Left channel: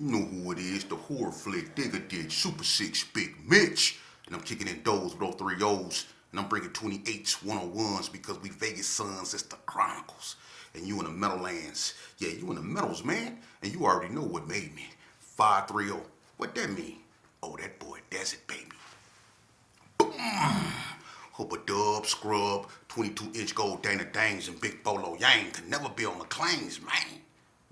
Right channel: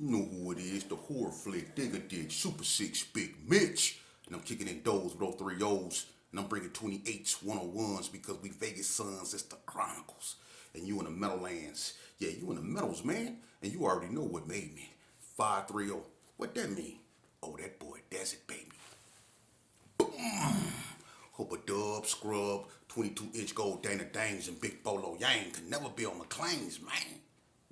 You know who it is, the horror flick, digger dig, Super 6, Big Mitch. And I'm kicking in doors with those three O's. And I'm bringing 28s, 101s because we Vegas sons, it's the Chronicles. And you in the Meadowlands. Yeah, you in the Meadows, man. And you already know what made me. 530. What that mean? Oh, that boy Desert, baby. Hope a dub, scrub, 22-inch gold Dana Danes, and Big Bolo Yang can never be on the claims, man.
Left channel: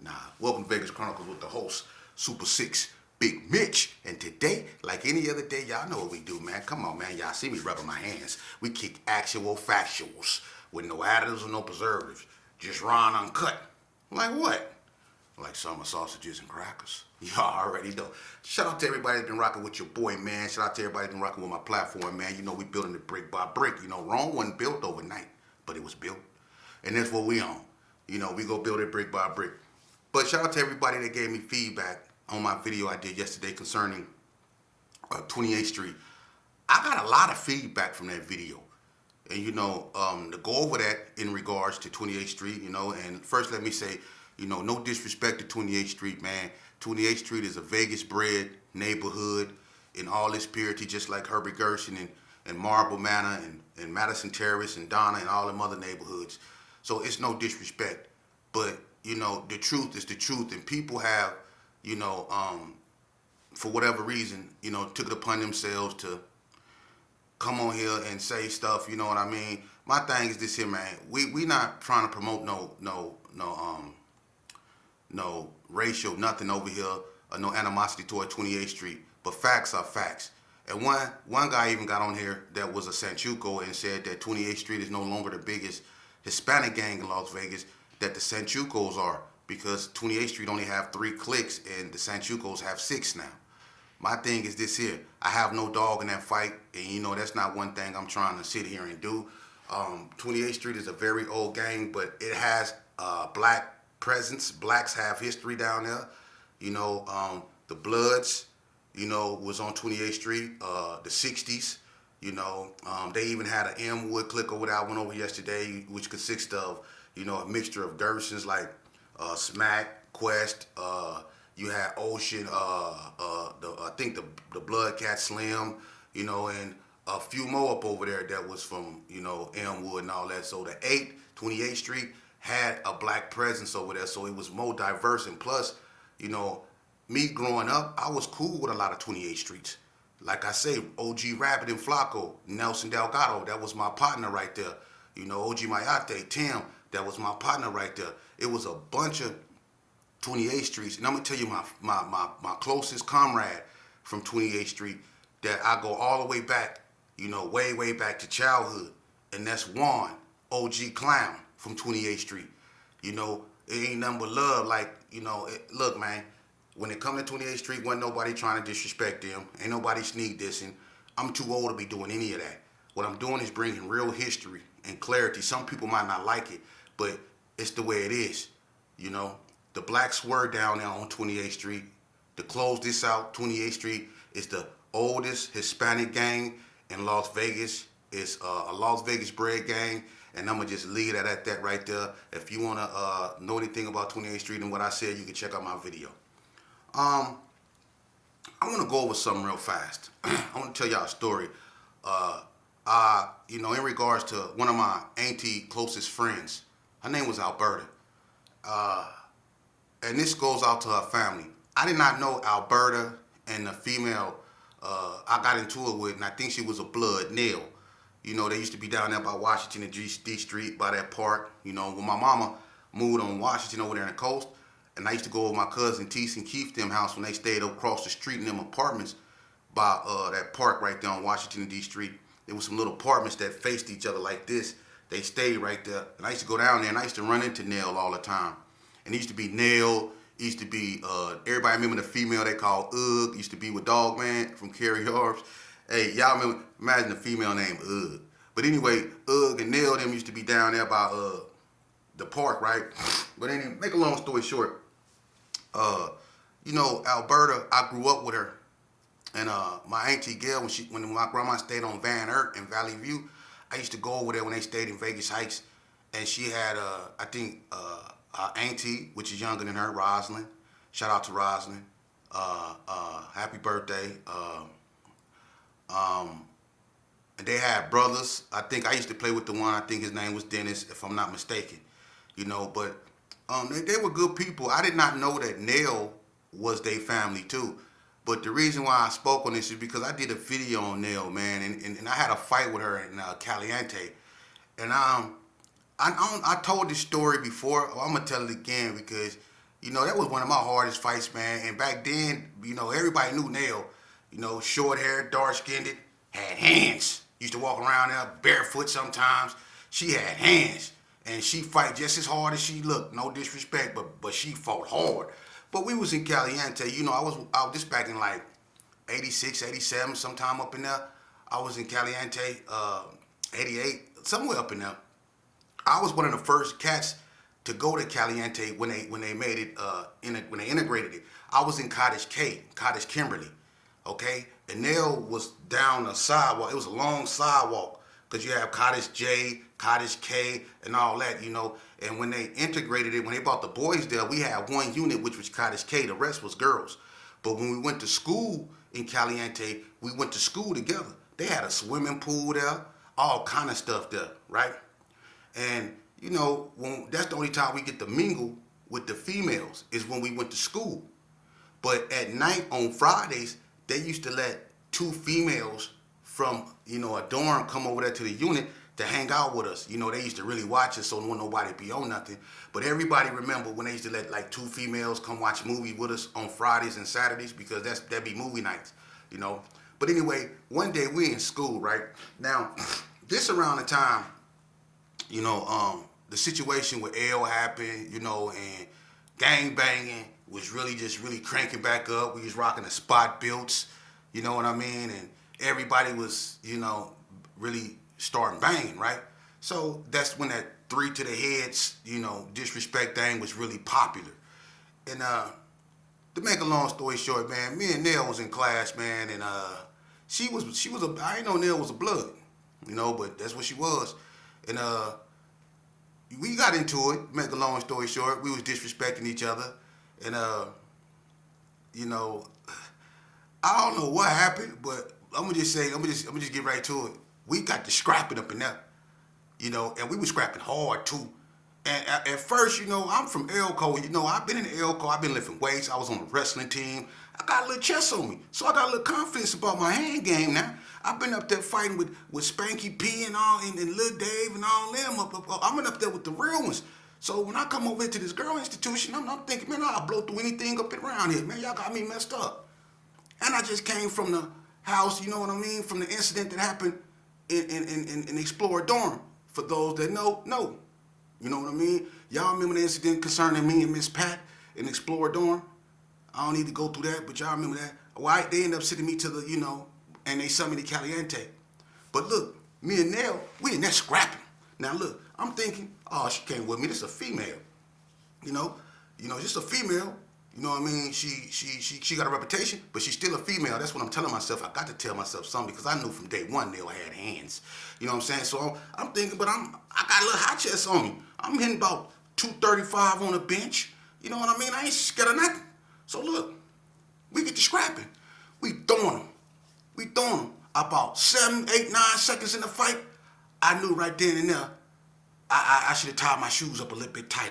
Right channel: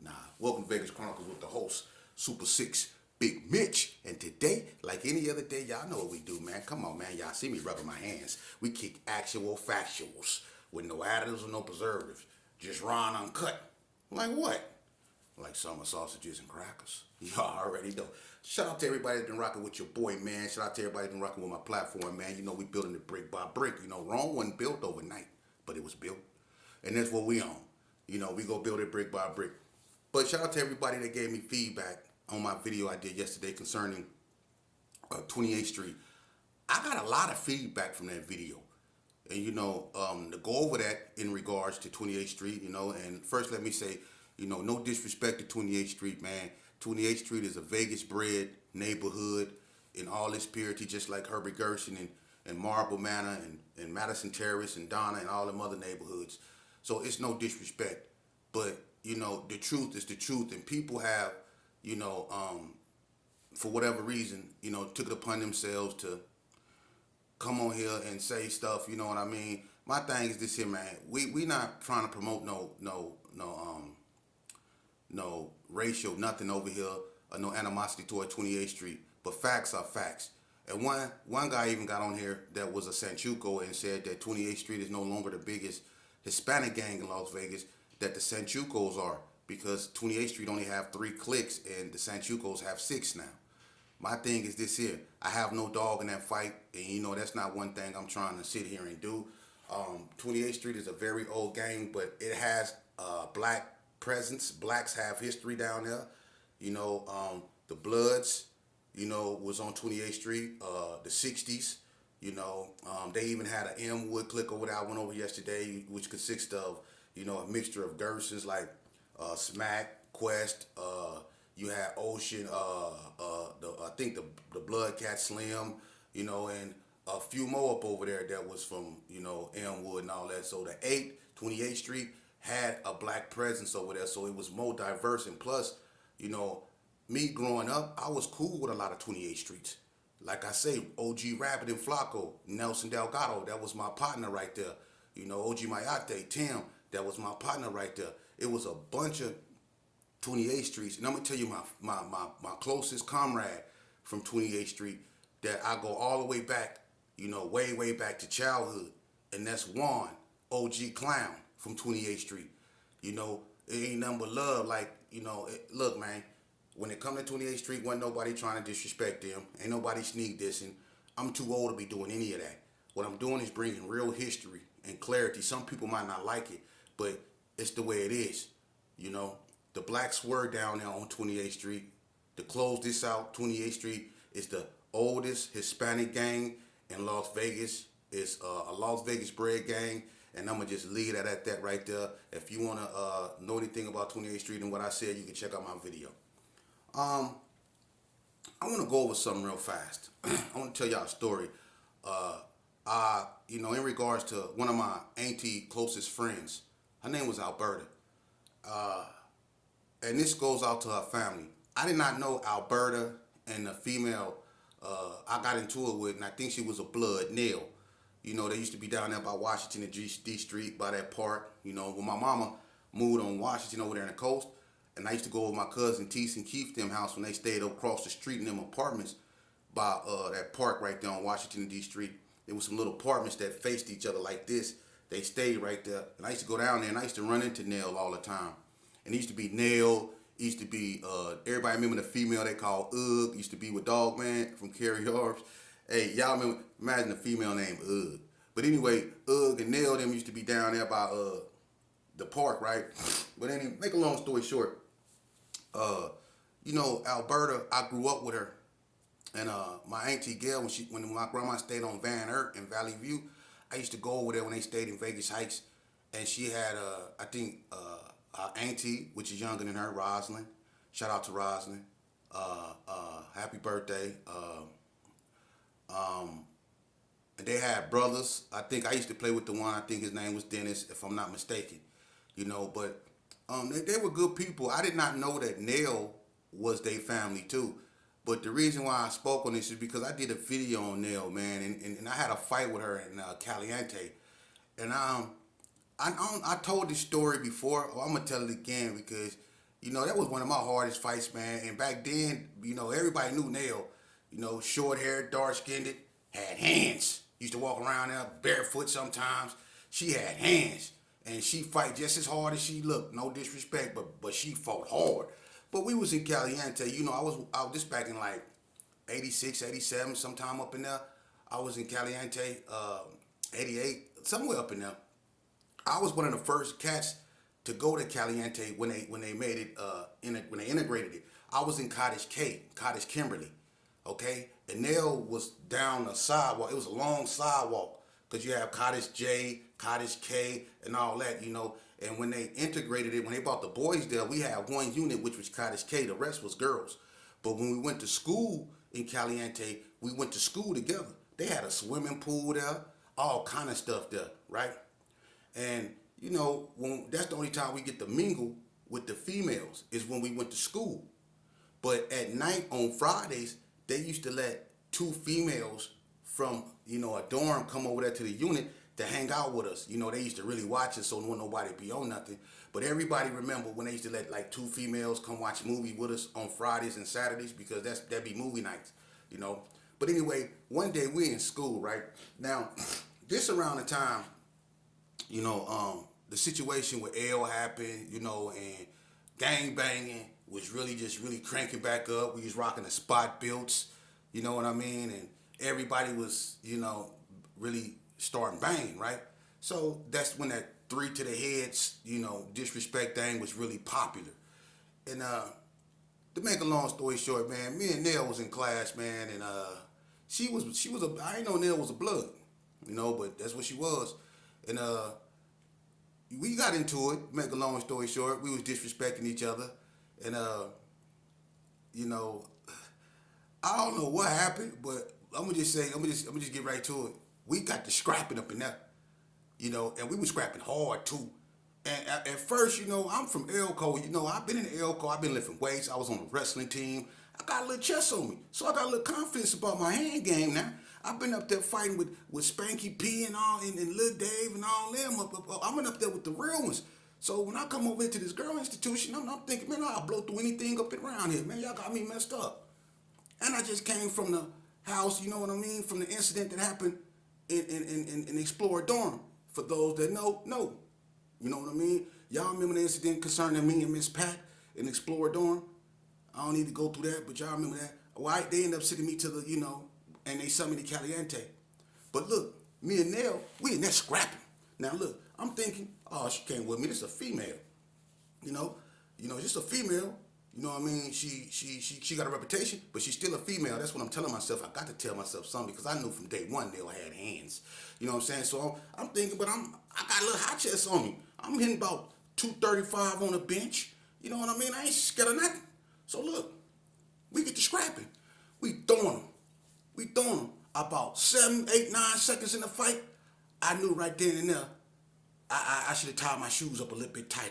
Nah, welcome to Vegas Chronicles with the host, Super 6, Big Mitch. And today, like any other day, y'all know what we do, man. Come on, man. Y'all see me rubbing my hands. We kick actual factuals with no additives or no preservatives. Just raw and uncut. Like what? Like summer sausages and crackers. Y'all already know. Shout out to everybody that's been rocking with your boy, man. Shout out to everybody that's been rocking with my platform, man. You know we building it brick by brick. You know, Rome wasn't built overnight, but it was built. And that's what we on. You know, we go build it brick by brick. But shout out to everybody that gave me feedback on my video I did yesterday concerning 28th Street. I got a lot of feedback from that video. And, you know, to go over that in regards to 28th Street, you know, and first let me say, you know, no disrespect to 28th Street, man. 28th Street is a Vegas-bred neighborhood in all its purity, just like Herbie Gershon and Marble Manor and Madison Terrace and Donna and all them other neighborhoods. So it's no disrespect. But, you know, the truth is the truth. And people have, you know, for whatever reason, you know, took it upon themselves to come on here and say stuff, you know what I mean? My thing is this here, man. We not trying to promote no racial nothing over here or no animosity toward 28th Street. But facts are facts. And one guy even got on here that was a Sanchuco and said that 28th Street is no longer the biggest Hispanic gang in Las Vegas, that the Sanchucos are, because 28th Street only have 3 cliques and the Sanchucos have 6 now. My thing is this here. I have no dog in that fight, and you know that's not one thing I'm trying to sit here and do. 28th Street is a very old gang, but it has black presence. Blacks have history down there. You know, the Bloods, you know, was on 28th Street, the 60s. You know, they even had an M Wood clique over there. I went over yesterday, which consists of, you know, a mixture of Gersons like Smack, Quest, you had Ocean, I think the Blood Cat Slim, you know, and a few more up over there that was from, you know, Elmwood and all that. So the 28th Street had a black presence over there, so it was more diverse. And plus, you know, me growing up, I was cool with a lot of 28th Streets. Like I say, OG Rabbit and Flacco, Nelson Delgado, that was my partner right there. You know, OG Mayate, Tim, that was my partner right there. It was a bunch of 28th Streets. And I'm going to tell you my closest comrade from 28th Street that I go all the way back, you know, way back to childhood. And that's Juan, OG Clown from 28th Street. You know, it ain't nothing but love. Like, you know, look, man, when it come to 28th Street, wasn't nobody trying to disrespect them. Ain't nobody sneak dissing. I'm too old to be doing any of that. What I'm doing is bringing real history and clarity. Some people might not like it, but it's the way it is, you know. The blacks were down there on 28th Street. To close this out, 28th Street is the oldest Hispanic gang in Las Vegas. It's a Las Vegas bred gang, and I'm going to just leave it at that right there. If you want to know anything about 28th Street and what I said, you can check out my video. I want to go over something real fast. I want to tell y'all a story. You know, in regards to one of my auntie closest friends, her name was Alberta. And this goes out to her family. I did not know Alberta and the female I got into it with, and I think she was a blood, Nell. You know, they used to be down there by Washington and D Street, by that park. You know, when my mama moved on Washington over there in the coast, and I used to go with my cousin Teese and Keith them house when they stayed across the street in them apartments by that park right there on Washington and D Street. There was some little apartments that faced each other like this. They stayed right there, and I used to go down there, and I used to run into Nell all the time. And it used to be Nell, used to be, everybody remember the female they called Ugg, used to be with Dog Man from Carrie Harbs. Hey, y'all remember, imagine a female named Ugg. But anyway, Ugg and Nell, them used to be down there by the park, right? But anyway, make a long story short, you know, Alberta, I grew up with her. And my auntie Gail, when my grandma stayed on Van Ert in Valley View, I used to go over there when they stayed in Vegas Heights. And she had, I think, auntie, which is younger than her, Rosalind. Shout out to Rosalind. happy birthday. And they had brothers. I think I used to play with the one. I think his name was Dennis, if I'm not mistaken. But they were good people. I did not know that Nell was their family too. But the reason why I spoke on this is because I did a video on Nell, man, and I had a fight with her in Caliente. And I told this story before. Well, I'm gonna tell it again because that was one of my hardest fights, man. And back then, everybody knew Nell. Short hair, dark skinned, had hands. Used to walk around there barefoot sometimes. She had hands, and she fight just as hard as she looked. No disrespect, but she fought hard. But we was in Caliente. I was this back in like 86, 87, sometime up in there. I was in Caliente, 88, somewhere up in there. I was one of the first cats to go to Caliente when they made it when they integrated it. I was in Cottage Kimberly, okay? And Nell was down a sidewalk. It was a long sidewalk because you have Cottage J, Cottage K, and all that, And when they integrated it, when they brought the boys there, we had one unit, which was Cottage K. The rest was girls. But when we went to school in Caliente, we went to school together. They had a swimming pool there, all kind of stuff there, right? And, that's the only time we get to mingle with the females is when we went to school. But at night on Fridays, they used to let two females from, a dorm come over there to the unit to hang out with us. They used to really watch us so nobody be on nothing. But everybody remember when they used to let like two females come watch movies with us on Fridays and Saturdays because that'd be movie nights, But anyway, one day we in school, right? Now, this around the time, the situation with L happened, and gang banging was really cranking back up. We was rocking the spot builts, you know what I mean? And everybody was, really starting banging, right? So that's when that 3 to the heads, disrespect thing was really popular. And to make a long story short, man, me and Nell was in class, man, and she was I didn't know Nell was a blood, but that's what she was. And we got into it. Make a long story short, we was disrespecting each other, and I don't know what happened, but I'm gonna just get right to it. We got to scrapping up in there, and we was scrapping hard too. And at first, I'm from Elko. I've been in Elko. I've been lifting weights. I was on a wrestling team. I got a little chest on me, so I got a little confidence about my hand game now. I've been up there fighting with Spanky P and all, and Lil Dave and all them. I'm up there with the real ones. So when I come over into this girl institution, I'm thinking, man, I'll blow through anything up and around here, man. Y'all got me messed up. And I just came from the house, you know what I mean, from the incident that happened in Explorer Dorm. For those that know. You know what I mean? Y'all remember the incident concerning me and Miss Pat in Explorer Dorm? I don't need to go through that, but y'all remember that? Why they ended up sending me to the, and they sent me to Caliente. But look, me and Nell, we in there scrapping. Now look, I'm thinking, oh, she came with me. This is a female. Just a female. You know what I mean? She got a reputation, but she's still a female. That's what I'm telling myself. I got to tell myself something because I knew from day one Nell had hands. You know what I'm saying? So I'm thinking, but I got a little hot chest on me. I'm hitting about 235 on the bench. You know what I mean? I ain't scared of nothing. So look, we get to scrapping. We throwing them. About 7, 8, 9 seconds in the fight, I knew right then and there I should have tied my shoes up a little bit tighter.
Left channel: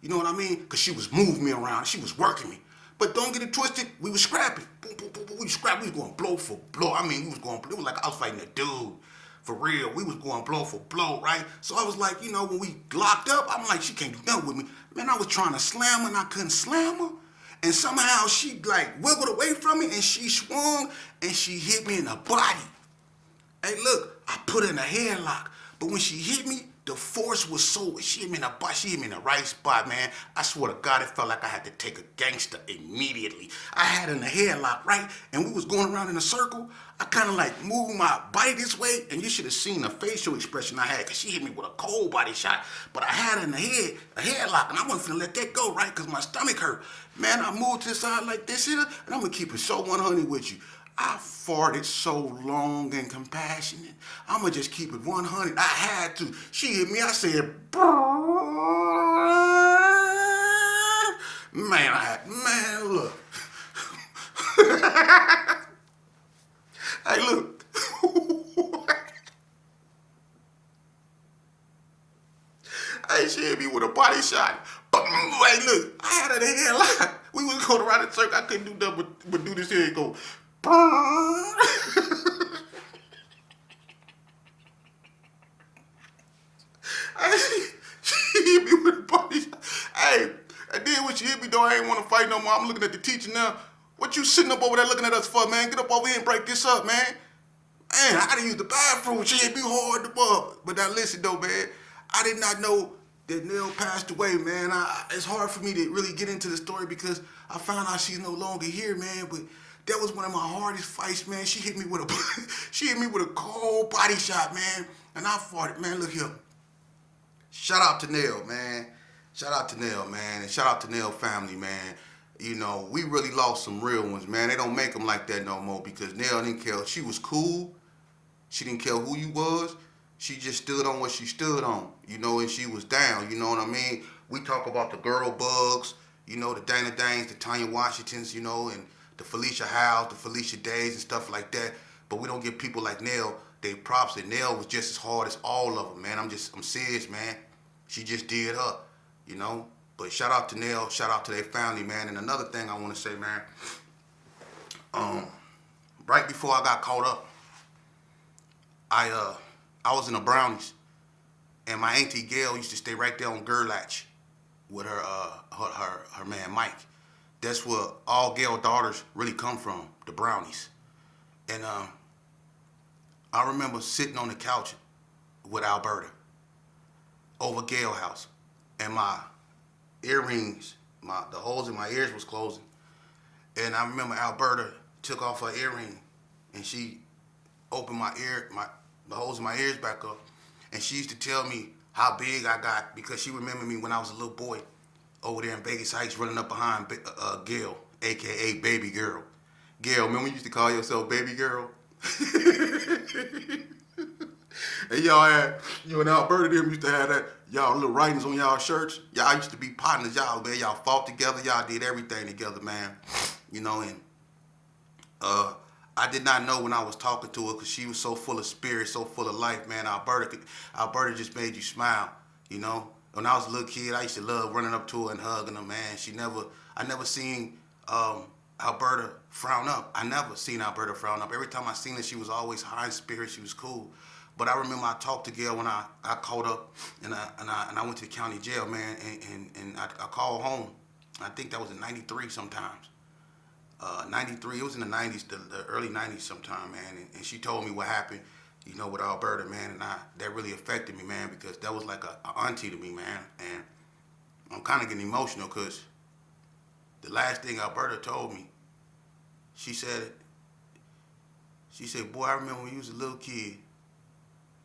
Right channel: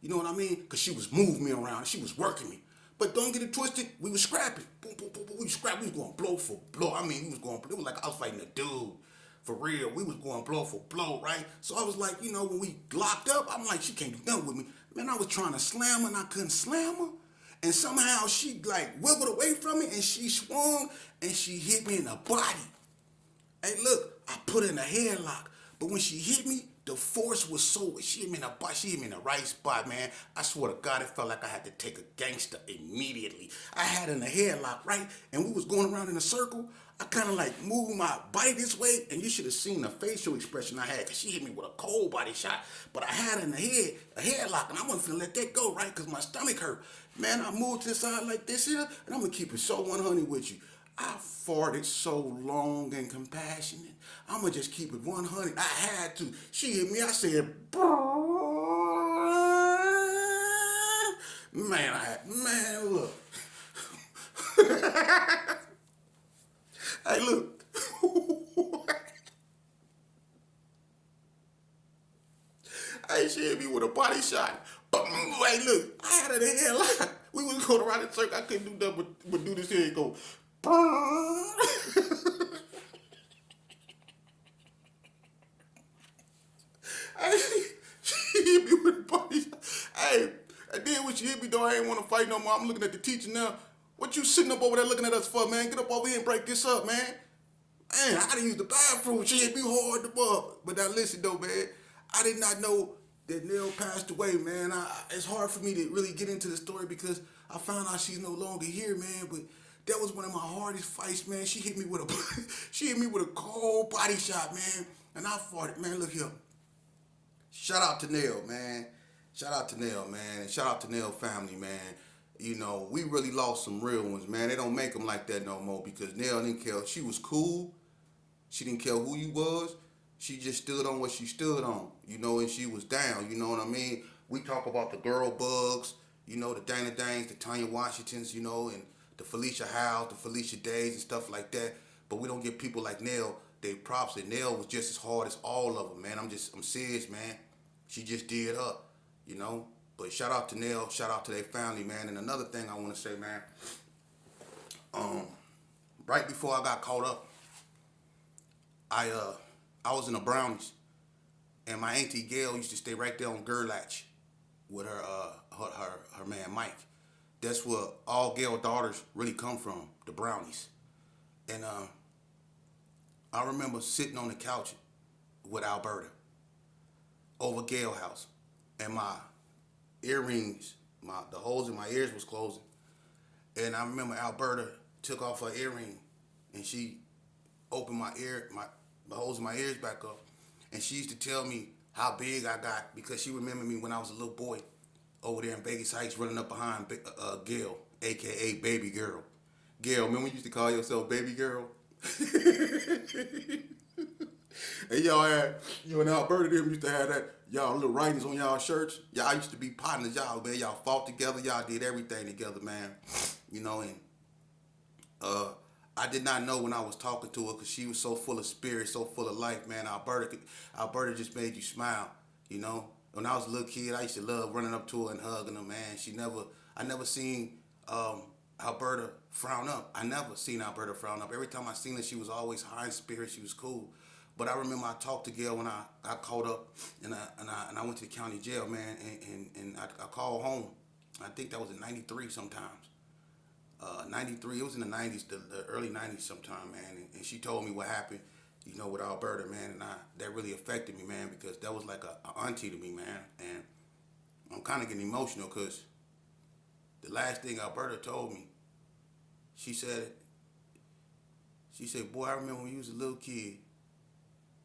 You know what I mean? Because she was moving me around. She was working me. But don't get it twisted. We was scrapping. Boom, boom, boom, boom. We was scrapping. We was going blow for blow. I mean, we was going blow. It was like I was fighting a dude. For real. We was going blow for blow, right? So I was like, when we locked up, I'm like, she can't do nothing with me. Man, I was trying to slam her and I couldn't slam her. And somehow she wiggled away from me and she swung and she hit me in the body. Hey, look, I put her in a headlock. But when she hit me, the force was so, she hit me in the body, she hit me in the right spot, man. I swear to God, it felt like I had to take a gangster immediately. I had her in the headlock, right? And we was going around in a circle. I kind of moved my body this way, and you should have seen the facial expression I had, because she hit me with a cold body shot. But I had her in the head, a headlock, and I wasn't finna let that go, right? Because my stomach hurt. Man, I moved to the side like this here, and I'm gonna keep it so 100 with you. I farted so long and compassionate. I'ma just keep it 100. I had to. She hit me. I said, man, look. Hey, look. Hey, she hit me with a body shot. But hey, look, I had her the headlock. We was going around the circle. I couldn't do nothing but do this here and go. Hey, she hit me with a body shot. Hey, and then when she hit me, though, I ain't want to fight no more. I'm looking at the teacher now. What you sitting up over there looking at us for, man? Get up over here and break this up, man. Man, I gotta use the bathroom. She hit me hard to bub. But now listen though, man. I did not know that Nell passed away, man. It's hard for me to really get into the story because I found out she's no longer here, man. But that was one of my hardest fights, man. She hit me with a she hit me with a cold body shot, man. And I fought it, man. Look here. Shout out to Nell, man. Shout out to Nell, man. And shout out to Nell family, man. You know, we really lost some real ones, man. They don't make them like that no more because Nell didn't care. She was cool. She didn't care who you was. She just stood on what she stood on, you know, and she was down, you know what I mean? We talk about the girl bugs, you know, the Dana Danes, the Tanya Washingtons, you know, and the Felicia Howes, the Felicia Days and stuff like that. But we don't give people like Nell their props. And Nell was just as hard as all of them, man. I'm serious, man. She just did her, you know. But shout out to Nell, shout out to their family, man. And another thing I want to say, man, right before I got caught up, I was in the Brownies, and my auntie Gail used to stay right there on Gerlach with her man Mike. That's where all Gail daughters really come from, the Brownies. And I remember sitting on the couch with Alberta over Gail house, and my earrings, the holes in my ears was closing. And I remember Alberta took off her earring, and she opened the holes in my ears back up. And she used to tell me how big I got because she remembered me when I was a little boy over there in Vegas Heights running up behind Gail, a.k.a. Baby Girl. Gail, remember when you used to call yourself Baby Girl? And y'all had, you and Alberta them used to have that, y'all little writings on y'all shirts. Y'all used to be partners, y'all, man. Y'all fought together. Y'all did everything together, man. You know, and I did not know when I was talking to her because she was so full of spirit, so full of life, man. Alberta just made you smile, you know. When I was a little kid, I used to love running up to her and hugging her, man. I never seen Alberta frown up. I never seen Alberta frown up. Every time I seen her, she was always high in spirit. She was cool. But I remember I talked to Gail when I caught up and I went to the county jail, man, and I called home. I think that was in '93 sometimes. 93, it was in the 90s, the early 90s sometime, man. And she told me what happened, you know, with Alberta, man. And that really affected me, man, because that was like a auntie to me, man. And I'm kind of getting emotional because the last thing Alberta told me, she said, boy, I remember when you was a little kid.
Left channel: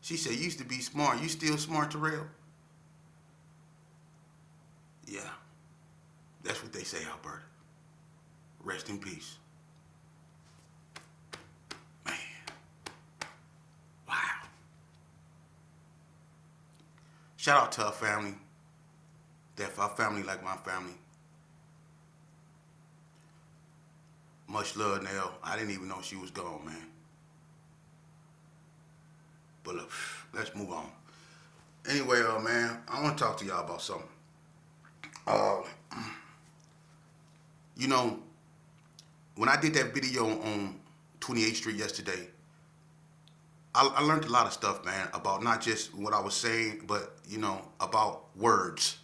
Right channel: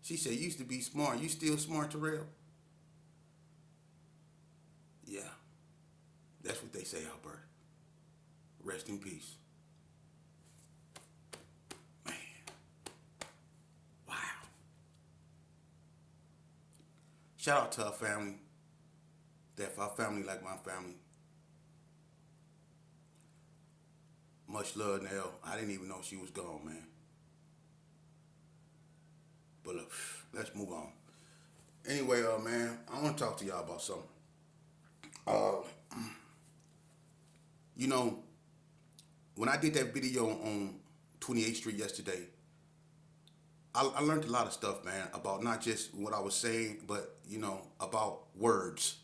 She said, you used to be smart. You still smart, Terrell? Yeah, that's what they say, Alberta. Rest in peace. Man. Wow. Shout out to her family. That for her family like my family. Much love, Nell. I didn't even know she was gone, man. But look, let's move on. Anyway, man, I want to talk to y'all about something. You know, when I did that video on 28th Street yesterday, I learned a lot of stuff, man, about not just what I was saying, but, you know, about words.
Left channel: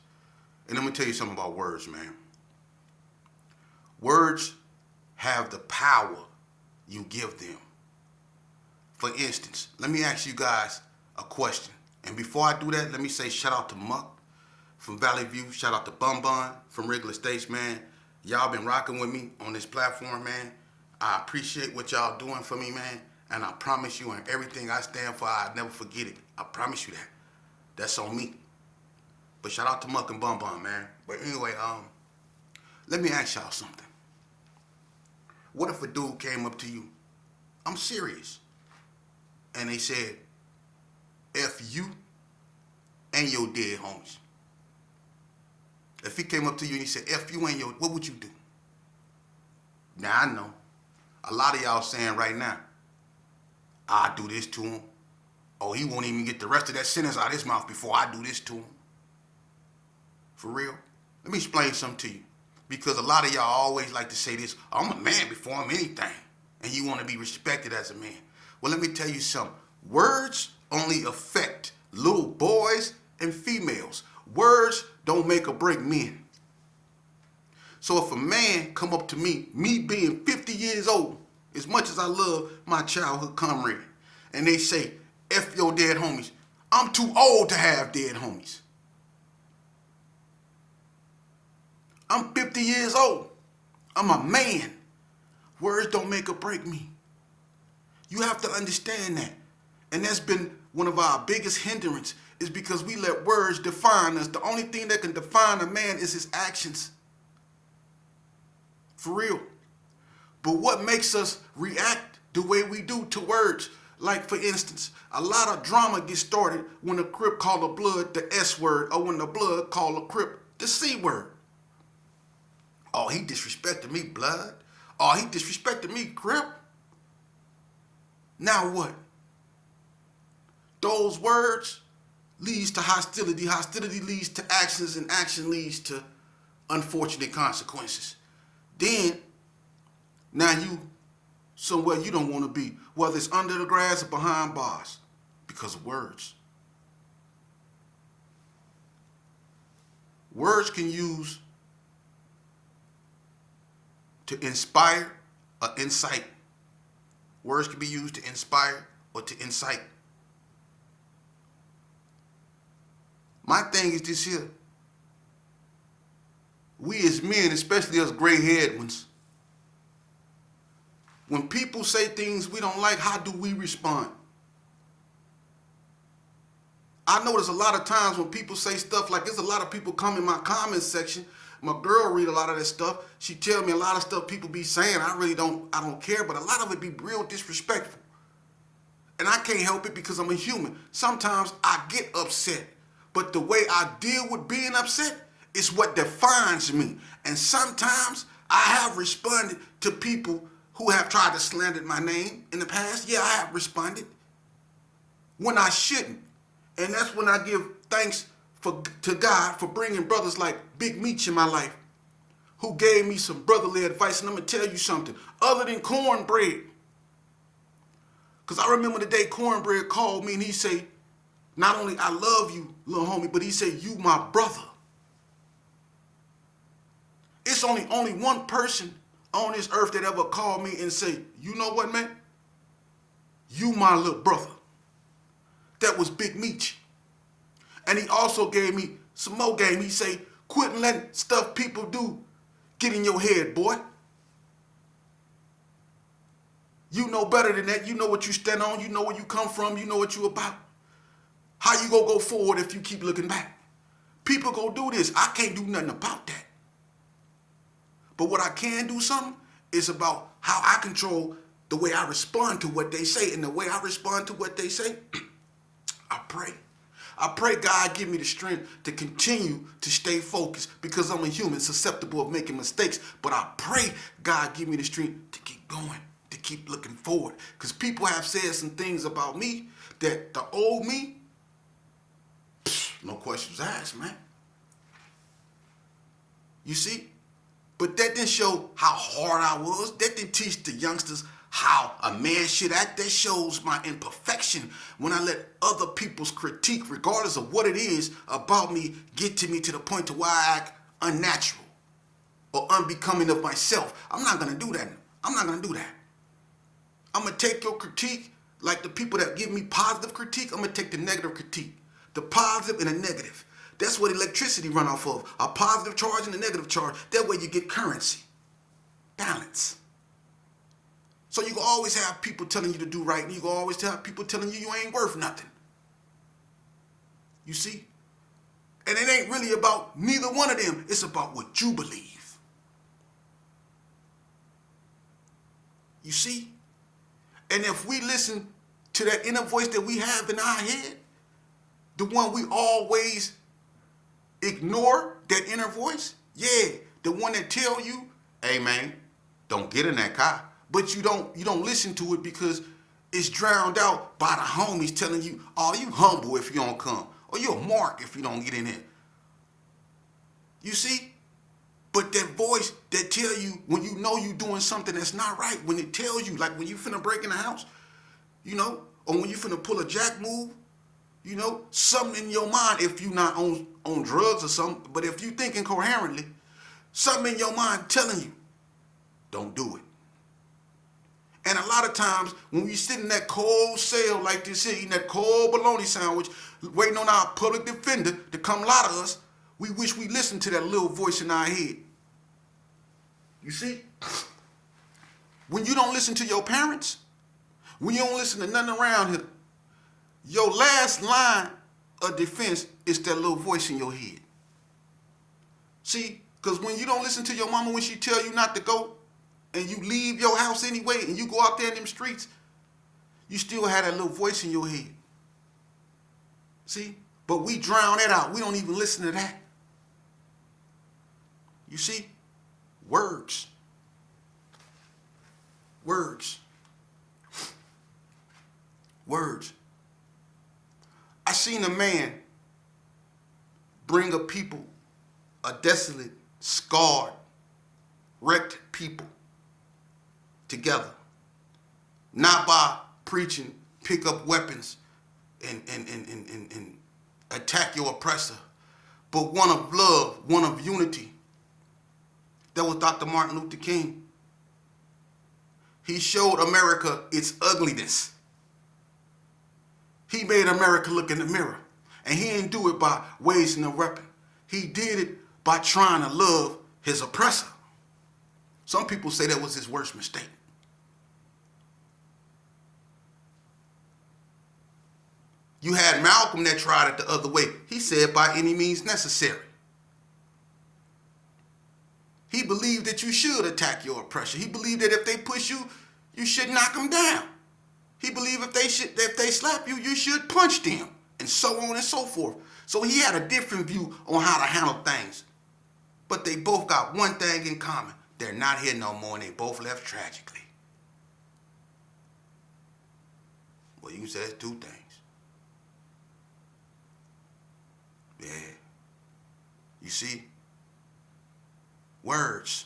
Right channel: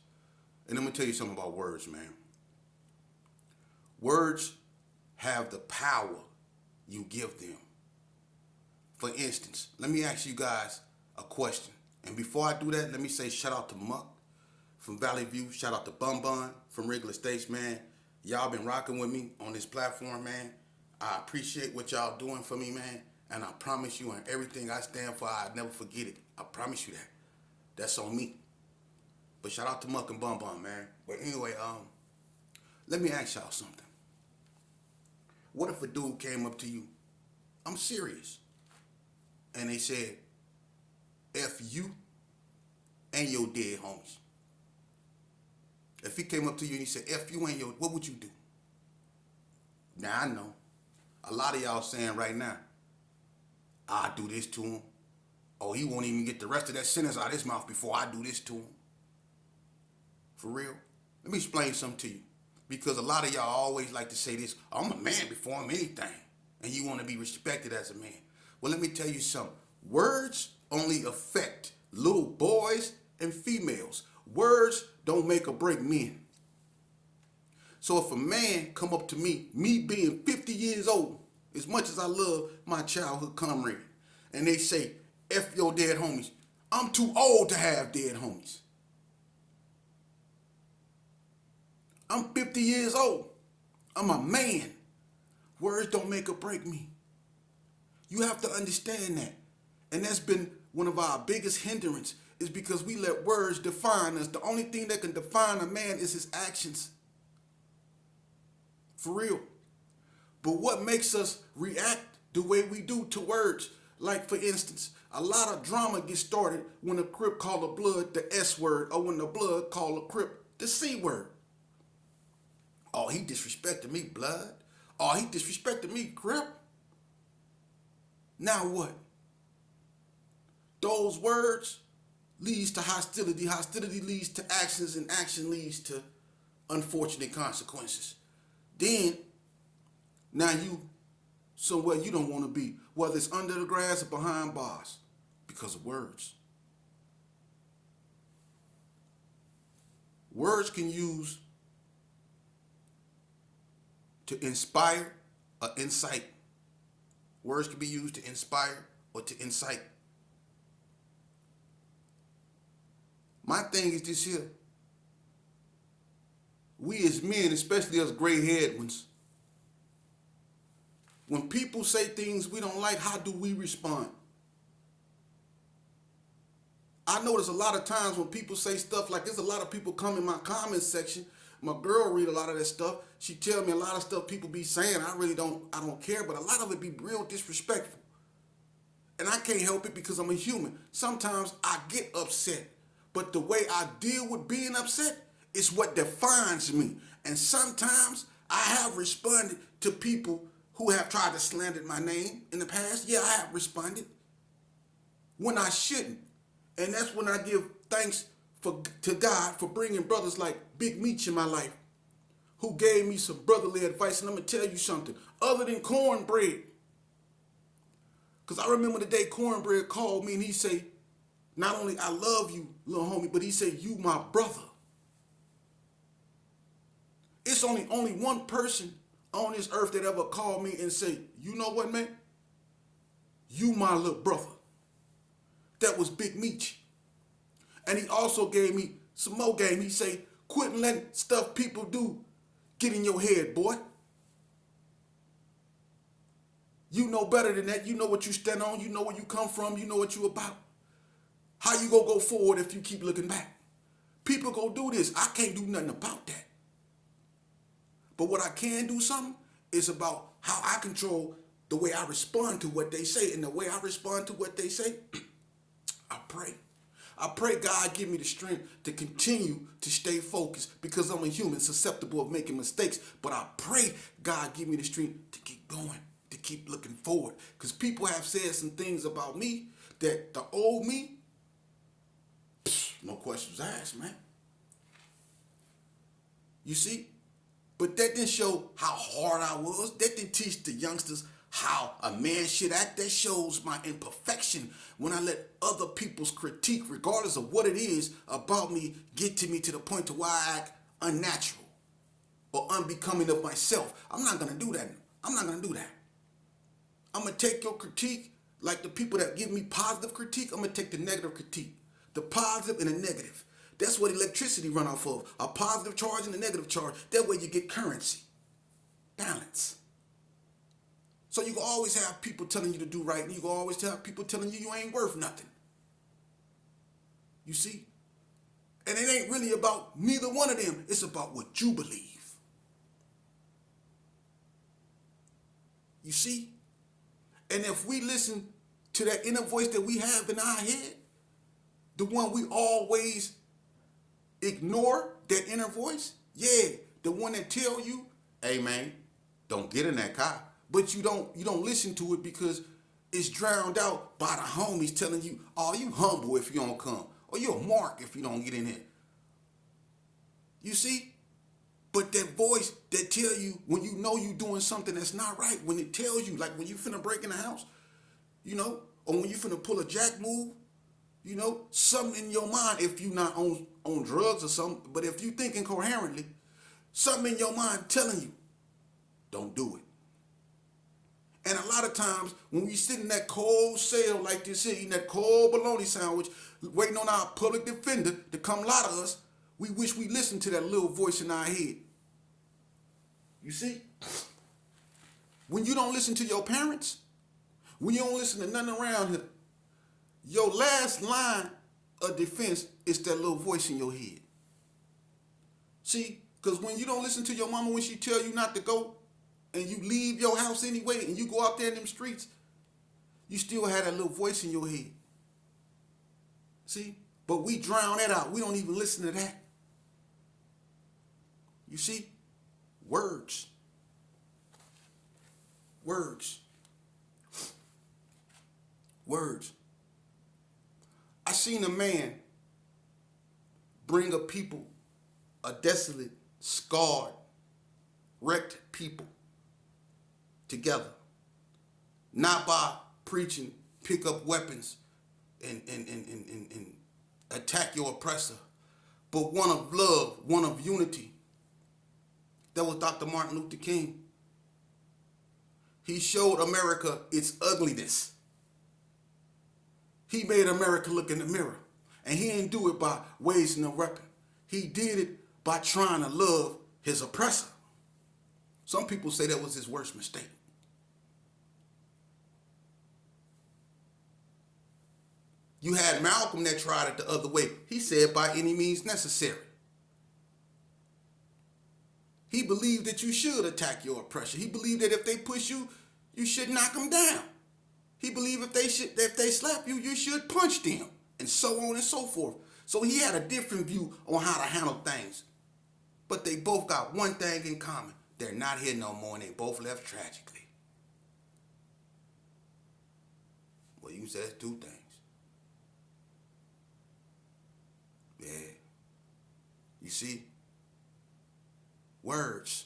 And I'm going to tell you something about words, man. Words have the power you give them. For instance, let me ask you guys a question. And before I do that, let me say shout out to Muck from Valley View. Shout out to Bun Bun from Wrigley Estates, man. Y'all been rocking with me on this platform, man. I appreciate what y'all doing for me, man. And I promise you, and everything I stand for, I'll never forget it. I promise you that. That's on me. But shout out to Muck and Bun Bun, man. But anyway, let me ask y'all something. What if a dude came up to you, I'm serious, and they said, F you and your dead homies? If he came up to you and he said, F you and your, what would you do? Now I know. A lot of y'all saying right now, I'll do this to him. Oh, he won't even get the rest of that sentence out of his mouth before I do this to him. For real? Let me explain something to you. Because a lot of y'all always like to say this, I'm a man before I'm anything. And you want to be respected as a man. Well, let me tell you something. Words only affect little boys and females. Words don't make or break men. So if a man come up to me being 50 years old, as much as I love my childhood comrade, and they say, F your dead homies, I'm too old to have dead homies. I'm 50 years old. I'm a man. Words don't make or break me. You have to understand that. And that's been one of our biggest hindrances, is because we let words define us. The only thing that can define a man is his actions. For real. But what makes us react the way we do to words? Like, for instance, a lot of drama gets started when a Crip call a Blood the S word, or when the Blood call a Crip the C word. Oh, he disrespected me, Blood. Oh, he disrespected me, Crip. Now what? Those words leads to hostility. Hostility leads to actions, and action leads to unfortunate consequences. Then, now you somewhere you don't want to be, whether it's under the grass or behind bars, because of words. Words can use to inspire or incite. Words can be used to inspire or to incite. My thing is this here. We as men, especially us gray-haired ones, when people say things we don't like, how do we respond? I notice a lot of times when people say stuff like, there's a lot of people come in my comment section. My girl read a lot of that stuff. She tell me a lot of stuff people be saying. I don't care, but a lot of it be real disrespectful. And I can't help it because I'm a human. Sometimes I get upset, but the way I deal with being upset is what defines me. And sometimes I have responded to people who have tried to slander my name in the past. Yeah, I have responded when I shouldn't. And that's when I give thanks to God for bringing brothers like Big Meech in my life, who gave me some brotherly advice. And I'm going to tell you something, other than cornbread. Because I remember the day cornbread called me and he said, not only I love you, little homie, but he said, you my brother. It's only one person on this earth that ever called me and say, you know what, man? You my little brother. That was Big Meech. And he also gave me some more game. He say, quit letting stuff people do get in your head, boy. You know better than that. You know what you stand on. You know where you come from. You know what you about. How you gonna go forward if you keep looking back? People go do this. I can't do nothing about that. But what I can do something is about how I control the way I respond to what they say. And the way I respond to what they say, I pray. I pray God give me the strength to continue to stay focused, because I'm a human susceptible of making mistakes. But I pray God give me the strength to keep going, to keep looking forward. Because people have said some things about me that the old me, no questions asked, man. You see? But that didn't show how hard I was. That didn't teach the youngsters how a man should act. That shows my imperfection when I let other people's critique, regardless of what it is about me, get to me to the point to where I act unnatural or unbecoming of myself. I'm not going to do that. I'm not going to do that. I'm going to take your critique, like the people that give me positive critique, I'm going to take the negative critique. The positive and the negative. That's what electricity run off of. A positive charge and a negative charge. That way you get currency. Balance. So you can always have people telling you to do right, and you can always have people telling you ain't worth nothing. You see? And it ain't really about neither one of them. It's about what you believe. You see? And if we listen to that inner voice that we have in our head, the one we always ignore, that inner voice, yeah, the one that tell you, hey man, don't get in that car. but you don't listen to it because it's drowned out by the homies telling you, oh, you humble if you don't come, or you're a mark if you don't get in there. You see? But that voice that tell you when you know you doing something that's not right, when it tells you, like when you finna break in the house, or when you finna pull a jack move, something in your mind, if you not on drugs or something, but if you thinking coherently, something in your mind telling you, don't do it. And a lot of times when we sit in that cold cell like this here, eating that cold bologna sandwich, waiting on our public defender to come lie to us, we wish we listened to that little voice in our head. You see? When you don't listen to your parents, when you don't listen to nothing around here, your last line of defense is that little voice in your head. See? Because when you don't listen to your mama when she tell you not to go, and you leave your house anyway, and you go out there in them streets, you still have that little voice in your head. See? But we drown it out. We don't even listen to that. You see? Words. Words. Words. I seen a man bring a people, a desolate, scarred, wrecked people together. Not by preaching, pick up weapons and attack your oppressor, but one of love, one of unity. That was Dr. Martin Luther King. He showed America its ugliness. He made America look in the mirror. And he didn't do it by raising a weapon. He did it by trying to love his oppressor. Some people say that was his worst mistake. You had Malcolm that tried it the other way. He said by any means necessary. He believed that you should attack your oppressor. He believed that if they push you, you should knock them down. He believed if they slap you, you should punch them, and so on and so forth. So he had a different view on how to handle things. But they both got one thing in common. They're not here no more, and they both left tragically. Well, you can say that's two things. Yeah. You see? Words.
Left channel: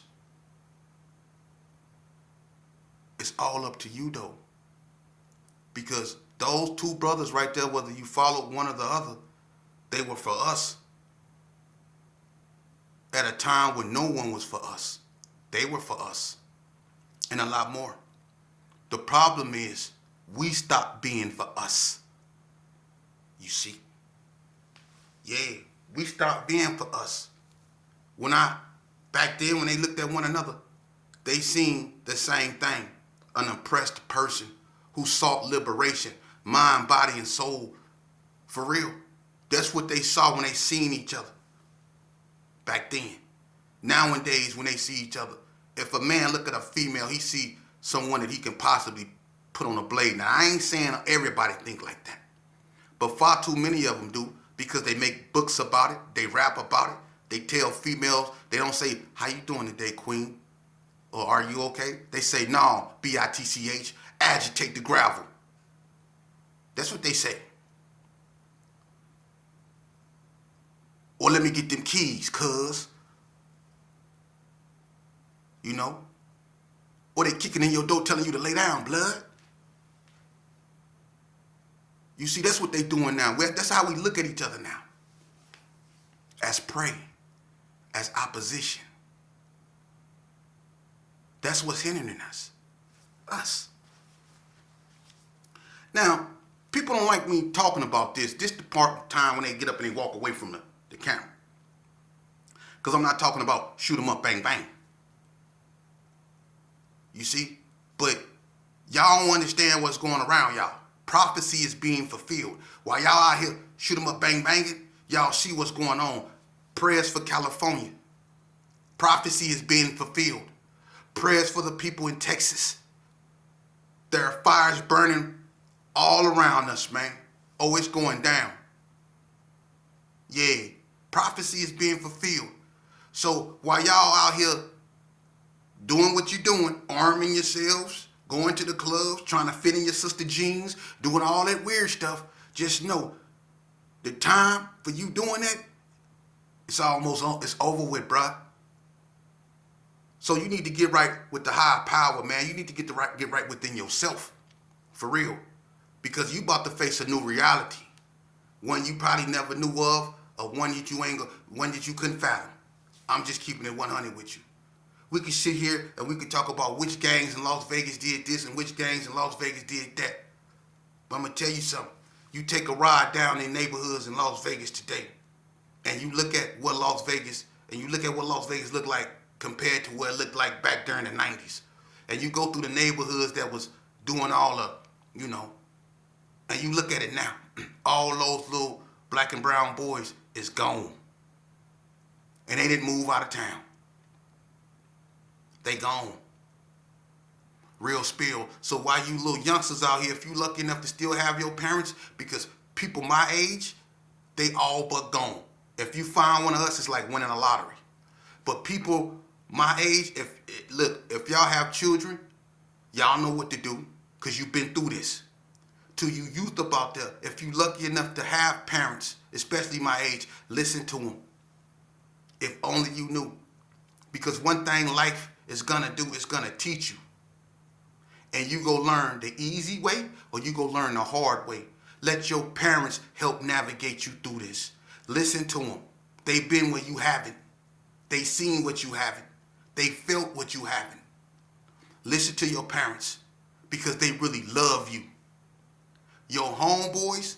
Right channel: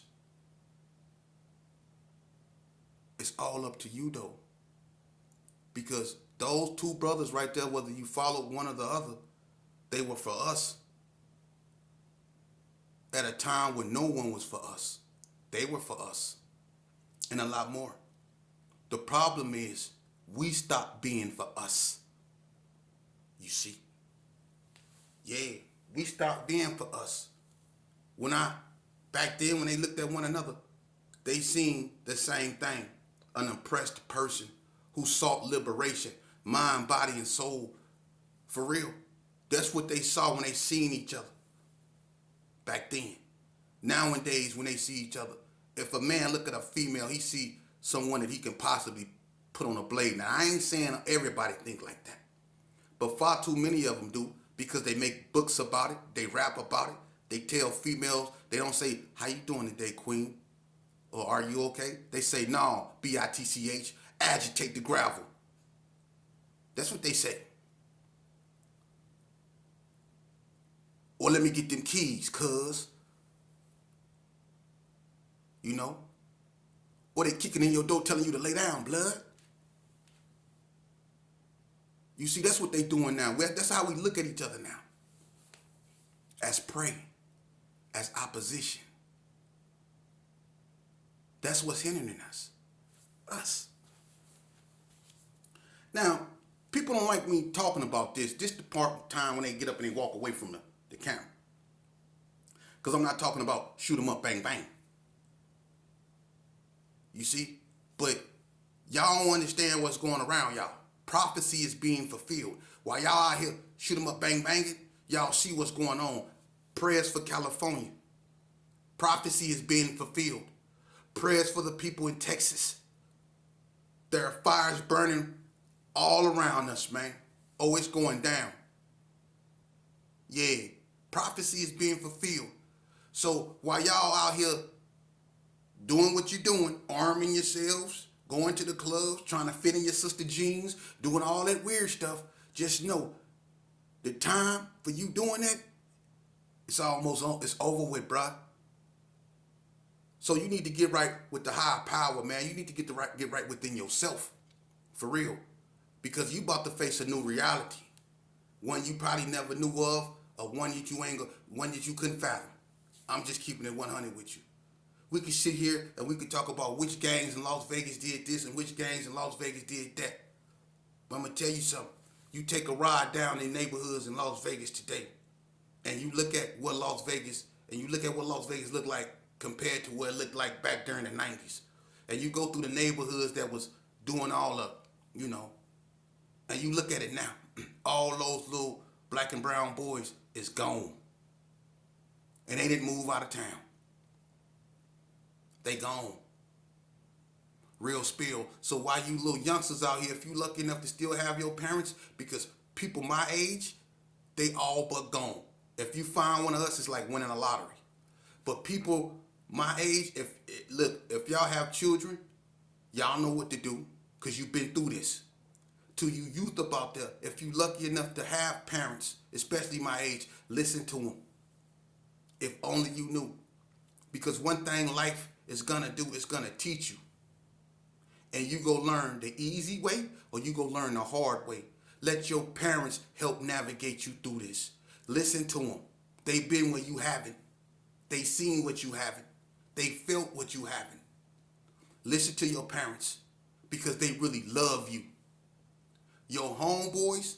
It's all up to you, though. Because those two brothers right there, whether you followed one or the other, they were for us. At a time when no one was for us. They were for us. And a lot more. The problem is, we stopped being for us. You see? Yeah, we stopped being for us. Back then when they looked at one another, they seen the same thing. An oppressed person who sought liberation, mind, body, and soul. For real. That's what they saw when they seen each other. Back then. Nowadays, when they see each other, if a man look at a female, he see someone that he can possibly put on a blade. Now, I ain't saying everybody think like that. But far too many of them do, because they make books about it, they rap about it, they tell females, they don't say, how you doing today, queen? Or are you okay? They say, no, B-I-T-C-H, agitate the gravel. That's what they say. Or let me get them keys, cuz. You know? Or they kicking in your door telling you to lay down, blood. You see, that's what they doing now. That's how we look at each other now. As prey. As opposition. That's what's hindering us. Us. Now, people don't like me talking about this. This the part of time when they get up and they walk away from the camera. Because I'm not talking about shoot 'em up, bang, bang. You see? But y'all don't understand what's going around y'all. Prophecy is being fulfilled. While y'all out here shoot 'em up, bang, banging, y'all see what's going on. Prayers for California. Prophecy is being fulfilled. Prayers for the people in Texas. There are fires burning all around us, man. Oh, it's going down. Yeah, prophecy is being fulfilled. So while y'all out here doing what you're doing, arming yourselves, going to the clubs, trying to fit in your sister jeans, doing all that weird stuff, just know the time for you doing that, it's over with, bruh. So you need to get right with the higher power, man. You need to get right within yourself, for real, because you about to face a new reality, one you probably never knew of, or one that you couldn't fathom. I'm just keeping it 100 with you. We could sit here and we could talk about which gangs in Las Vegas did this and which gangs in Las Vegas did that. But I'm gonna tell you something. You take a ride down in neighborhoods in Las Vegas today, and you look at what Las Vegas looked like compared to what it looked like back during the 90s. And you go through the neighborhoods that was doing all and you look at it now. All those little black and brown boys is gone. And they didn't move out of town. They gone. Real spill. So why you little youngsters out here, if you lucky enough to still have your parents, because people my age, they all but gone. If you find one of us, it's like winning a lottery. But people my age, if y'all have children, y'all know what to do, because you've been through this. To you youth about there, if you lucky enough to have parents, especially my age, listen to them. If only you knew. Because one thing life is gonna do is gonna teach you. And you go learn the easy way or you go learn the hard way. Let your parents help navigate you through this. Listen to them. They've been where you haven't. They seen what you haven't. They felt what you haven't. Listen to your parents because they really love you. Your homeboys,